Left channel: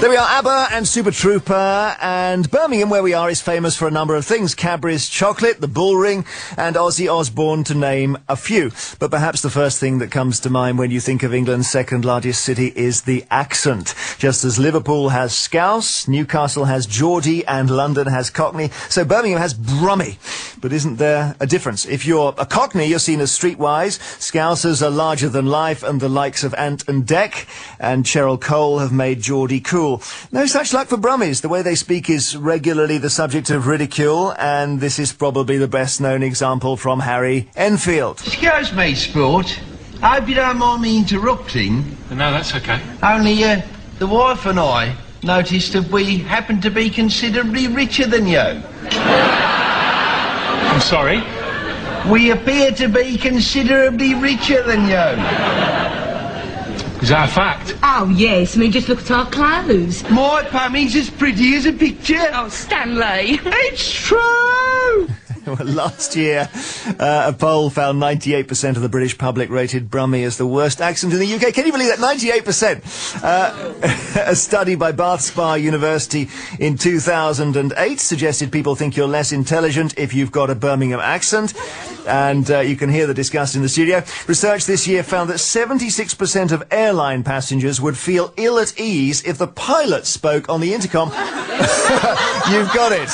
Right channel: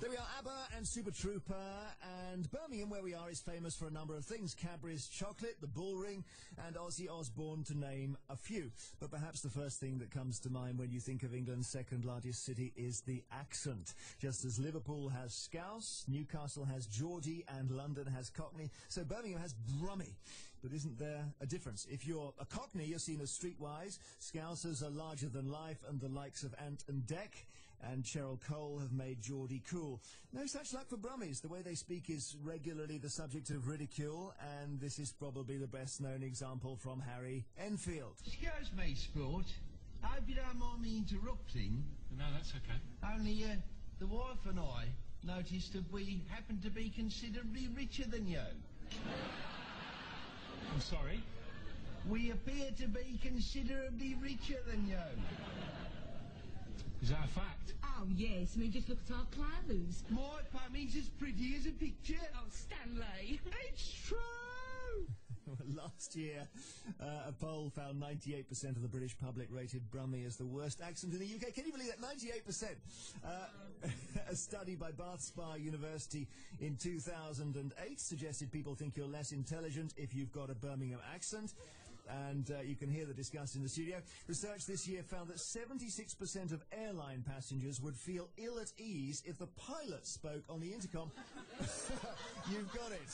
There we are, ABBA and Super Trooper, and Birmingham, where we are, is famous for a number of things. Cadbury's chocolate, the bull ring, and Ozzy Osbourne, to name a few. But perhaps the first thing that comes to mind when you think of England's second largest city is the accent. Just as Liverpool has Scouse, Newcastle has Geordie, and London has Cockney, so Birmingham has Brummie. But isn't there a difference? If you're a Cockney, you're seen as streetwise. Scousers are larger than life, and the likes of Ant and Dec and Cheryl Cole have made Geordie cool. No such luck for Brummies. The way they speak is regularly the subject of ridicule, and this is probably the best-known example from Harry Enfield. Excuse me, sport. I hope you don't mind me interrupting. No, that's okay. Only, the wife and I noticed that we happen to be considerably richer than you. I'm sorry? We appear to be considerably richer than you. Is that a fact? Oh, yes. I mean, just look at our clothes. My Pammy's as pretty as a picture. Oh, Stanley. It's true! Well, last year, a poll found 98% of the British public rated Brummie as the worst accent in the UK. Can you believe that? 98%! A study by Bath Spa University in 2008 suggested people think you're less intelligent if you've got a Birmingham accent. And you can hear the disgust in the studio. Research this year found that 76% of airline passengers would feel ill at ease if the pilot spoke on the intercom. You've got it,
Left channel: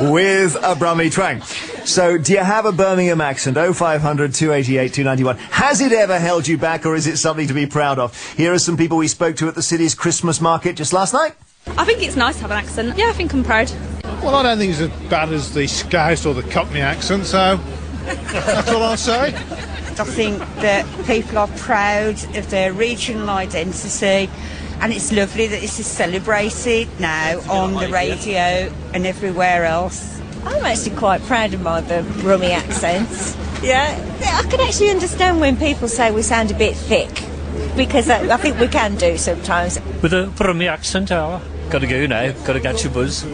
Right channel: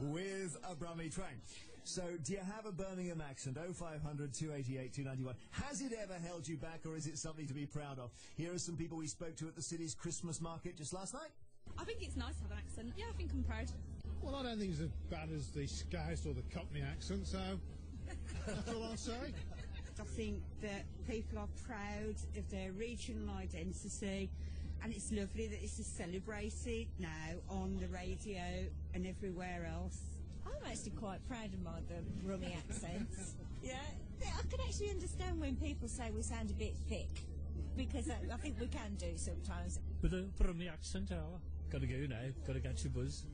with a Brummie twang. So, do you have a Birmingham accent? 0500 288 291. Has it ever held you back, or is it something to be proud of? Here are some people we spoke to at the city's Christmas market just last night. I think it's nice to have an accent. Yeah, I think I'm proud. Well, I don't think it's as bad as the Scouse or the Cockney accent, so that's all I'll say. I think that people are proud of their regional identity, and it's lovely that this is celebrated now on the radio and everywhere else. I'm actually quite proud of my Brummie accents. Yeah, I can actually understand when people say we sound a bit thick, because I think we can do sometimes. With a Brummie accent, got to go now, got to catch your buzz.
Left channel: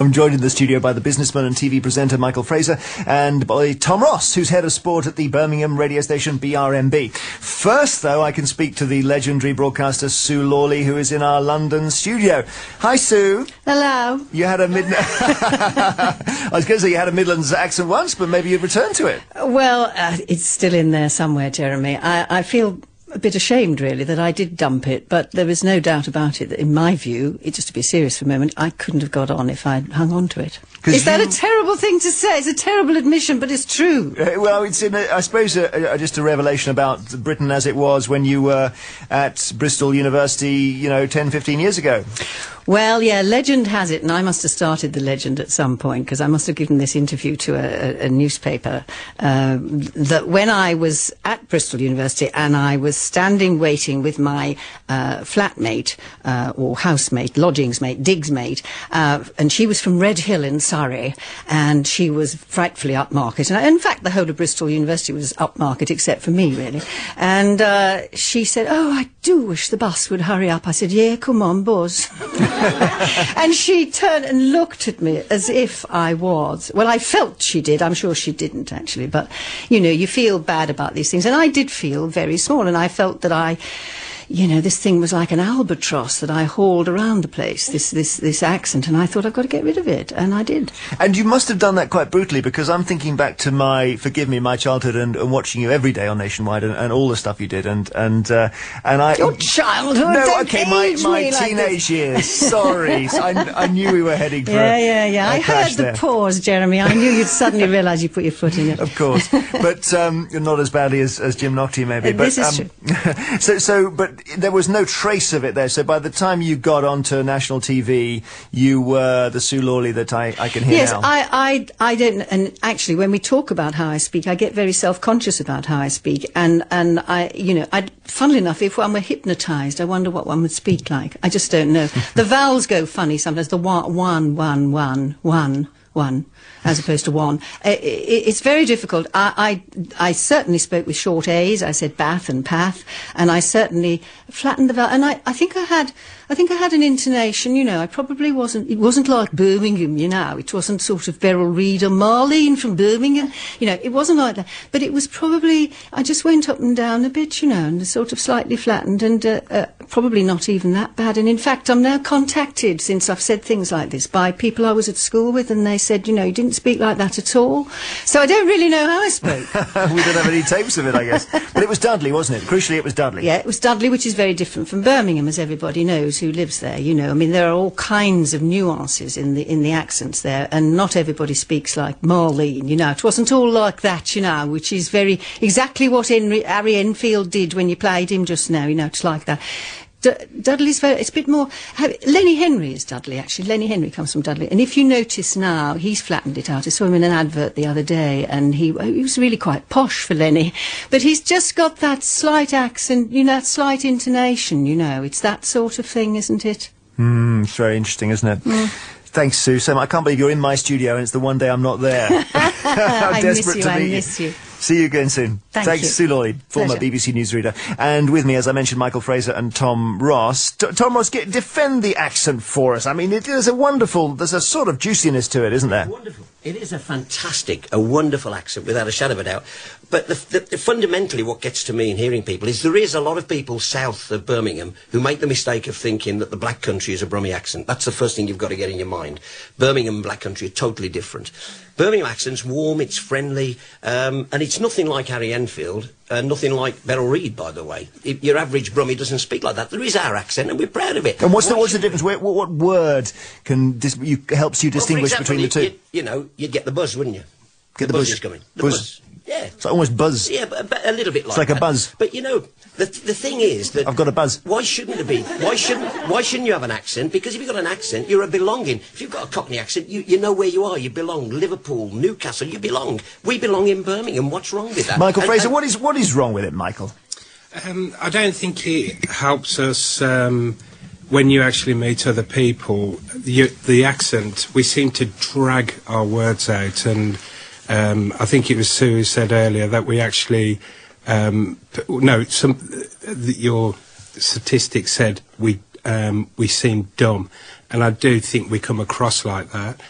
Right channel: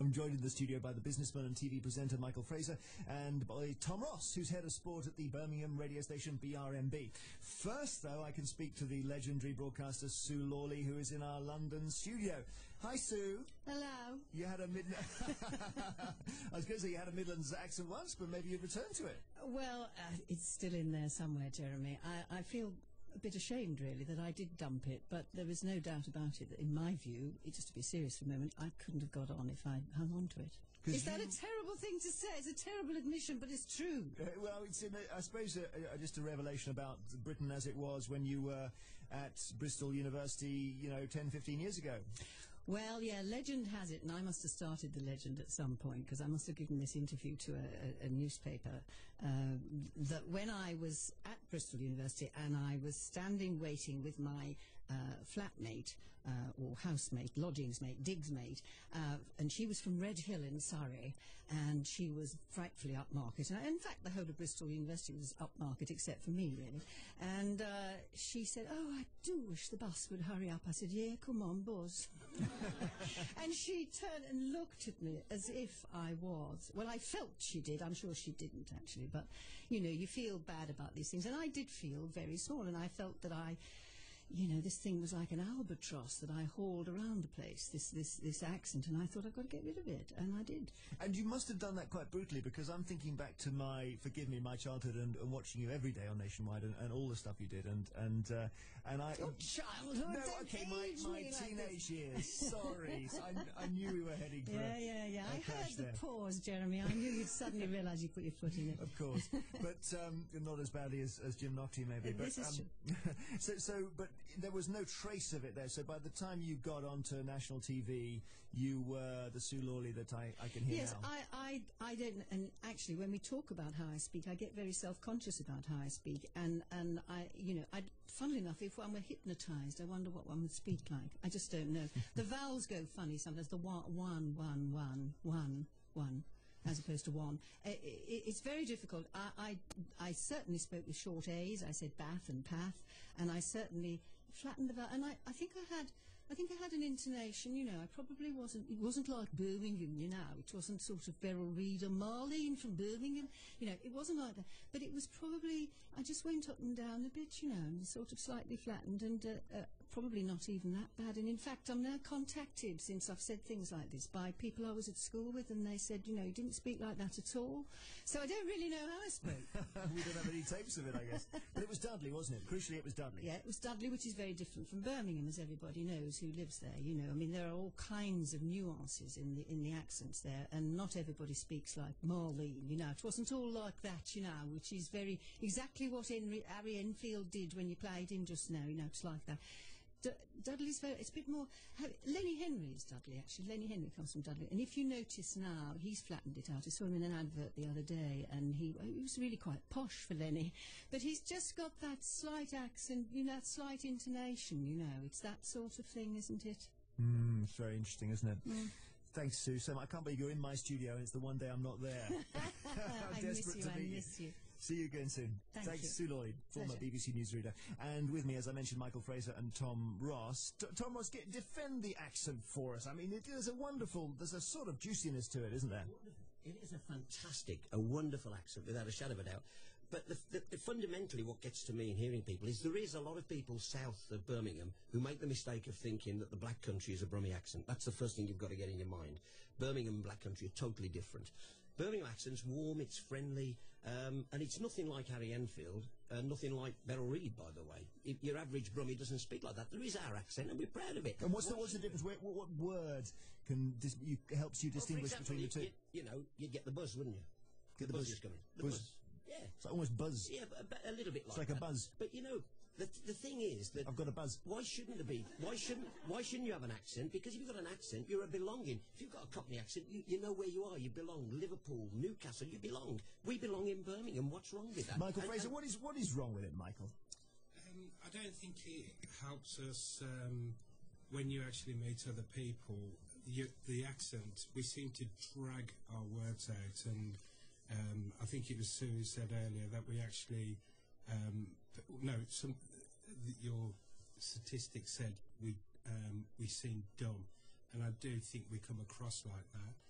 I'm joined in the studio by the businessman and TV presenter Michael Fraser, and by Tom Ross, who's head of sport at the Birmingham radio station BRMB. First, though, I can speak to the legendary broadcaster Sue Lawley, who is in our London studio. Hi, Sue. Hello. You had a I was going to say you had a Midlands accent once, but maybe you've returned to it. Well, it's still in there somewhere, Jeremy. I feel a bit ashamed, really, that I did dump it, but there is no doubt about it that, in my view, just to be serious for a moment, I couldn't have got on if I'd hung on to it. Is that a terrible thing to say? It's a terrible admission, but it's true. Well, it's, I suppose, just a revelation about Britain as it was when you were at Bristol University, 10, 15 years ago. Well, yeah, legend has it, and I must have started the legend at some point, because I must have given this interview to a newspaper, that when I was at Bristol University and I was standing waiting with my flatmate, or housemate, lodgings mate, digs mate, and she was from Red Hill in Surrey, and she was frightfully upmarket. And in fact, the whole of Bristol University was upmarket, except for me, really. And she said, "Oh, I do wish the bus would hurry up." I said, "Yeah, come on, buzz." And she turned and looked at me as if I was. Well, I felt she did. I'm sure she didn't, actually. But, you feel bad about these things. And I did feel very small. And I felt that this thing was like an albatross that I hauled around the place, this accent, and I thought, I've got to get rid of it, and I did. And you must have done that quite brutally, because I'm thinking back to my childhood and watching you every day on Nationwide and all the stuff you did, and I... Your childhood? No, okay, my teenage years. Sorry, I knew we were heading for Yeah. I heard the pause, Jeremy. I knew you'd suddenly realise you put your foot in it. Of course, but not as badly as Jim Nocty, maybe. This is true. But there was no trace of it there, so by the time you got onto national TV, you were the Sue Lawley that I can hear now. Yes, I don't, and actually when we talk about how I speak, I get very self-conscious about how I speak, and funnily enough, if one were hypnotised, I wonder what one would speak like. I just don't know. The vowels go funny sometimes, the one, as opposed to one. It's very difficult. I certainly spoke with short A's. I said bath and path, and I certainly flattened the vowel. And I think I had an intonation. I probably wasn't. It wasn't like Birmingham. It wasn't sort of Beryl Reid or Marlene from Birmingham. It wasn't like that. But it was probably. I just went up and down a bit. And sort of slightly flattened. And probably not even that bad. And in fact, I'm now contacted, since I've said things like this, by people I was at school with, and they said, you know, you didn't speak like that at all. So I don't really know how I spoke. We don't have any tapes of it, I guess. But it was Dudley, wasn't it? Crucially, it was Dudley. Yeah, it was Dudley, which is very different from Birmingham, as everybody knows who lives there, you know. I mean, there are all kinds of nuances in the accents there, and not everybody speaks like Marlene, you know. It wasn't all like that, you know, which is exactly what Harry Enfield did when you played him just now, you know, it's like that. Dudley's it's a bit more... Lenny Henry is Dudley, actually. Lenny Henry comes from Dudley. And if you notice now, he's flattened it out. I saw him in an advert the other day, and he was really quite posh for Lenny. But he's just got that slight accent, you know, that slight intonation, you know. It's that sort of thing, isn't it? It's very interesting, isn't it? Thanks, Sue. So I can't believe you're in my studio and it's the one day I'm not there. How desperate to meet you. I miss you. See you again soon. Thanks, you. Sue Lloyd, former BBC newsreader. And with me, as I mentioned, Michael Fraser and Tom Ross. Tom Ross, defend the accent for us. I mean, there's a sort of juiciness to it, isn't there? Wonderful. It is a wonderful accent, without a shadow of a doubt. But fundamentally what gets to me in hearing people is there is a lot of people south of Birmingham who make the mistake of thinking that the Black Country is a Brummie accent. That's the first thing you've got to get in your mind. Birmingham and Black Country are totally different. Birmingham accent's warm, it's friendly, and it's nothing like Harry Enfield, nothing like Beryl Reid, by the way. Your average Brummie doesn't speak like that. There is our accent, and we're proud of it. And what's the difference? What word helps you distinguish between the two? You know, you'd get the buzz, wouldn't you? Get the buzz is coming. The buzz. Yeah. It's like almost buzz. Yeah, but a little bit like that. It's like a buzz. But, you know, the thing is that... I've got a buzz. Why shouldn't it be? Why shouldn't you have an accent? Because if you've got an accent, you're a belonging. If you've got a Cockney accent, you know where you are. You belong. Liverpool, Newcastle, you belong. We belong in Birmingham. What's wrong with that? Michael Fraser, what is wrong with it, Michael? I don't think it helps us... when you actually meet other people, the accent, we seem to drag our words out, and I think it was Sue who said earlier that we actually, your statistics said we seem dumb, and I do think we come across like that.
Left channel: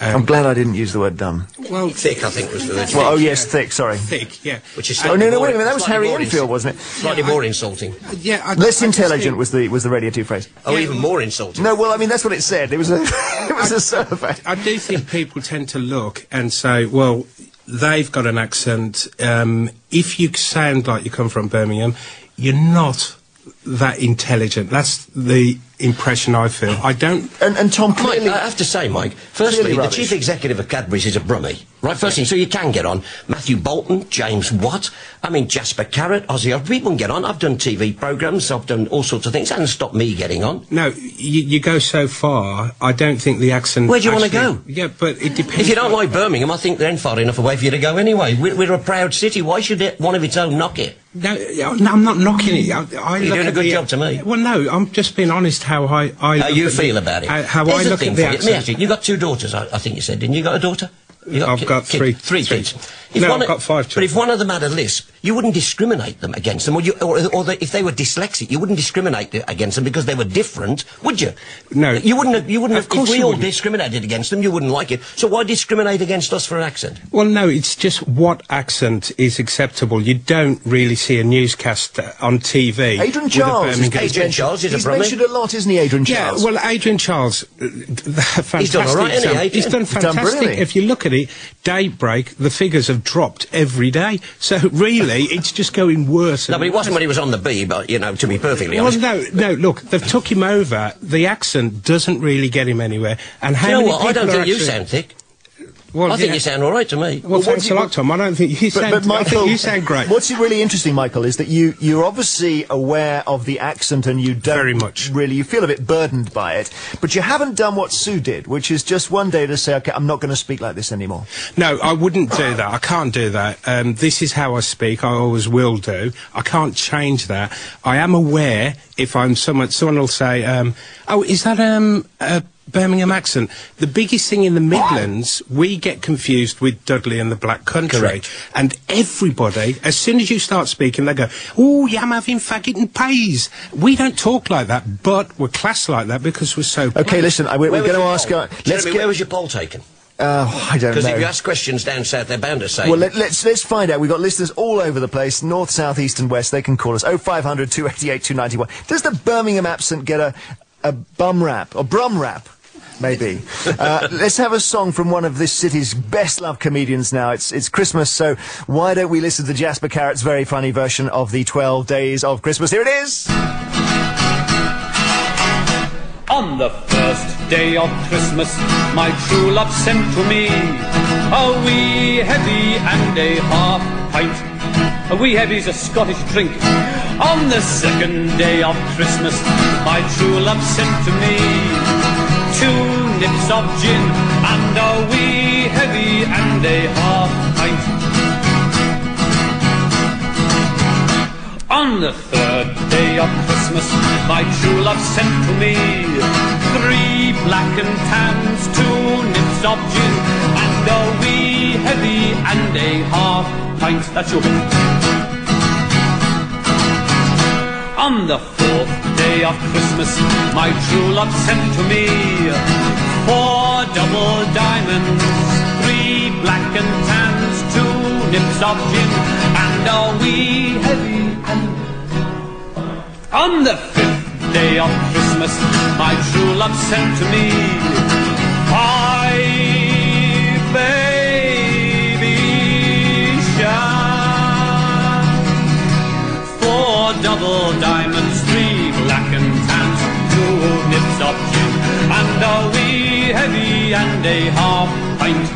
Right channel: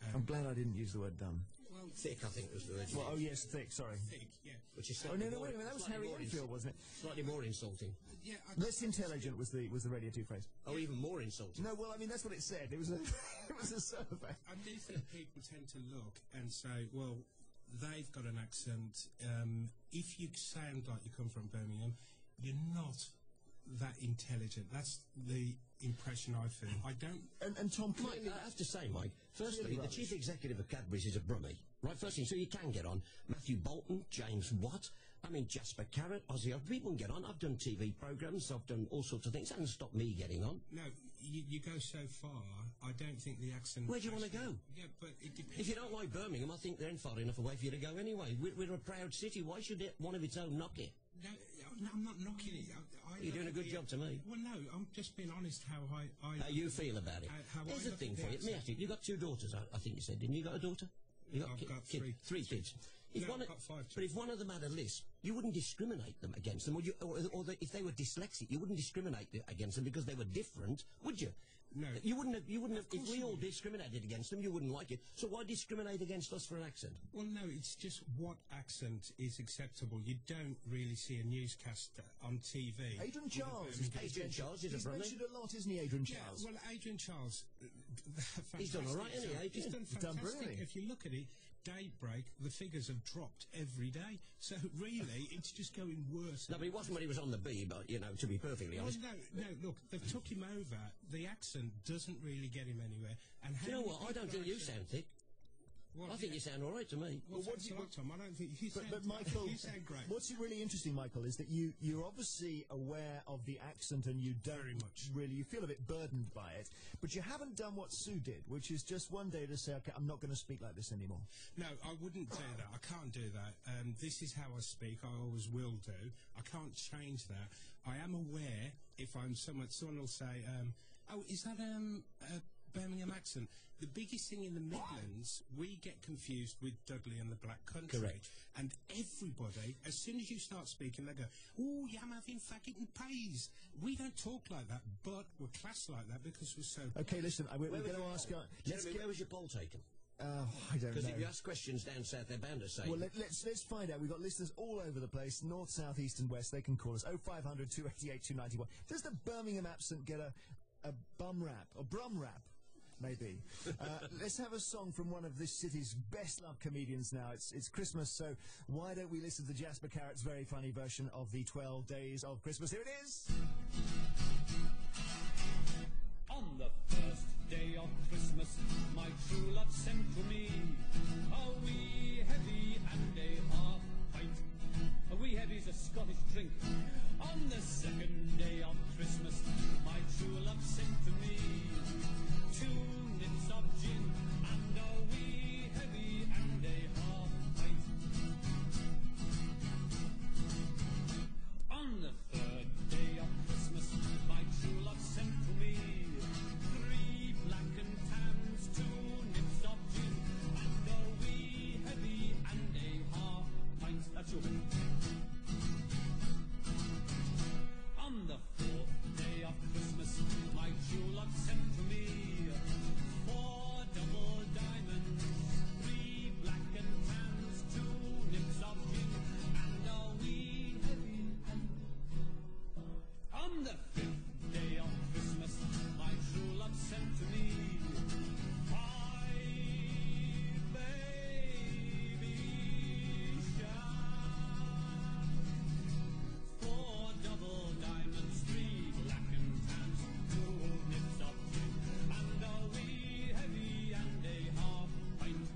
I'm glad I didn't use the word dumb. Well, thick, I think, was the word. Well, oh, yes, thick, sorry. Thick, yeah. Which is wait a minute, that was Harry Enfield, wasn't it? Slightly more insulting. Yeah. Less intelligent was the Radio 2 phrase. Oh, even more insulting. No, well, I mean, that's what it said. It was a survey. I do think people tend to look and say, well, they've got an accent. If you sound like you come from Birmingham, you're not that intelligent. That's the impression I feel. I don't... And Tom, clearly... Mike, I have to say, Mike, firstly, the chief executive of Cadbury's is a Brummie. Right, first thing, so you can get on. Matthew Bolton, James Watt, I mean, Jasper Carrot, Ozzy, people can get on. I've done TV programmes, I've done all sorts of things. It hasn't stopped me getting on. No, you go so far, I don't think the accent... Where do you want to go? Yeah, but it depends... If you don't like Birmingham, I think they're in far enough away for you to go anyway. We're a proud city. Why should one of its own knock it? No, I'm not knocking it. You're doing a good job to me. Well, no, I'm just being honest how you feel about it. How I look at the accent. Let me ask you, you got 2 daughters, I think you said, didn't you? You got a daughter? I've got 3. 3 kids. I've got 5 children. But if one of them had a lisp, you wouldn't discriminate them against them, or if they were dyslexic, you wouldn't discriminate against them because they were different, would you? No. You wouldn't have. If we all discriminated against them, you wouldn't like it. So why discriminate against us for an accent? Well, no, it's just what accent is acceptable. You don't really see a newscast on TV. Adrian Charles. Adrian Charles is a Brummie. He's mentioned a lot, isn't he, Adrian Charles? Yeah, well, Adrian Charles, fantastic. He's done all right, hasn't he? He's done fantastic. If you look at it, Daybreak, the figures have dropped every day. So really, it's just going worse. No, but it wasn't when he was on the B, but, you know, to be perfectly honest. Well, no, look, they've took him over. The accent doesn't really get him anywhere. And how you know many what? people I don't think actually... you sound thick. Well, I think you sound all right to me. Well, thanks a lot, Tom. I don't think you sound... But Michael, I think you sound great. What's really interesting, Michael, is that you're obviously aware of the accent and you don't... Very much. Really, you feel a bit burdened by it. But you haven't done what Sue did, which is just one day to say, OK, I'm not going to speak like this anymore. No, I wouldn't do that. I can't do that. This is how I speak. I always will do. I can't change that. I am aware if I'm someone will say, oh, is that a Birmingham accent? The biggest thing in the Midlands, we get confused with Dudley and the Black Country. Correct. And everybody, as soon as you start speaking, they go, oh, yeah, I'm having faggot and peas. We don't talk like that, but we're classed like that because we're so... OK, listen, we're going to ask... Jeremy, where was your poll taken? I don't know. Because if you ask questions down south, they're bound to say. Well, let's find out. We've got listeners all over the place, north, south, east and west. They can call us 0500 288 291. Does the Birmingham accent get a bum rap, or Brum Rap? Maybe. Let's have a song from one of this city's best-loved comedians now. It's Christmas, so why don't we listen to Jasper Carrot's very funny version of the 12 Days of Christmas. Here it is! On the first day of Christmas, my true love sent to me a wee heavy and a half pint. A wee heavy's a Scottish drink. On the second day of Christmas, my true love sent to me 2 nips of gin and a wee heavy and a half pint. On the third day of Christmas, my true love sent to me 3 black and tans, 2 nips of gin and a wee heavy and a half pint. That's your bit. On the 4th day of Christmas, my true love sent to me 4 double diamonds, 3 black and tans, 2 nips of gin and a wee heavy and... On the 5th day of Christmas, my true love sent to me 5 baby sharks, 4 double diamonds, 3 black and tans, 2 nips of gin and a wee heavy and a half pint.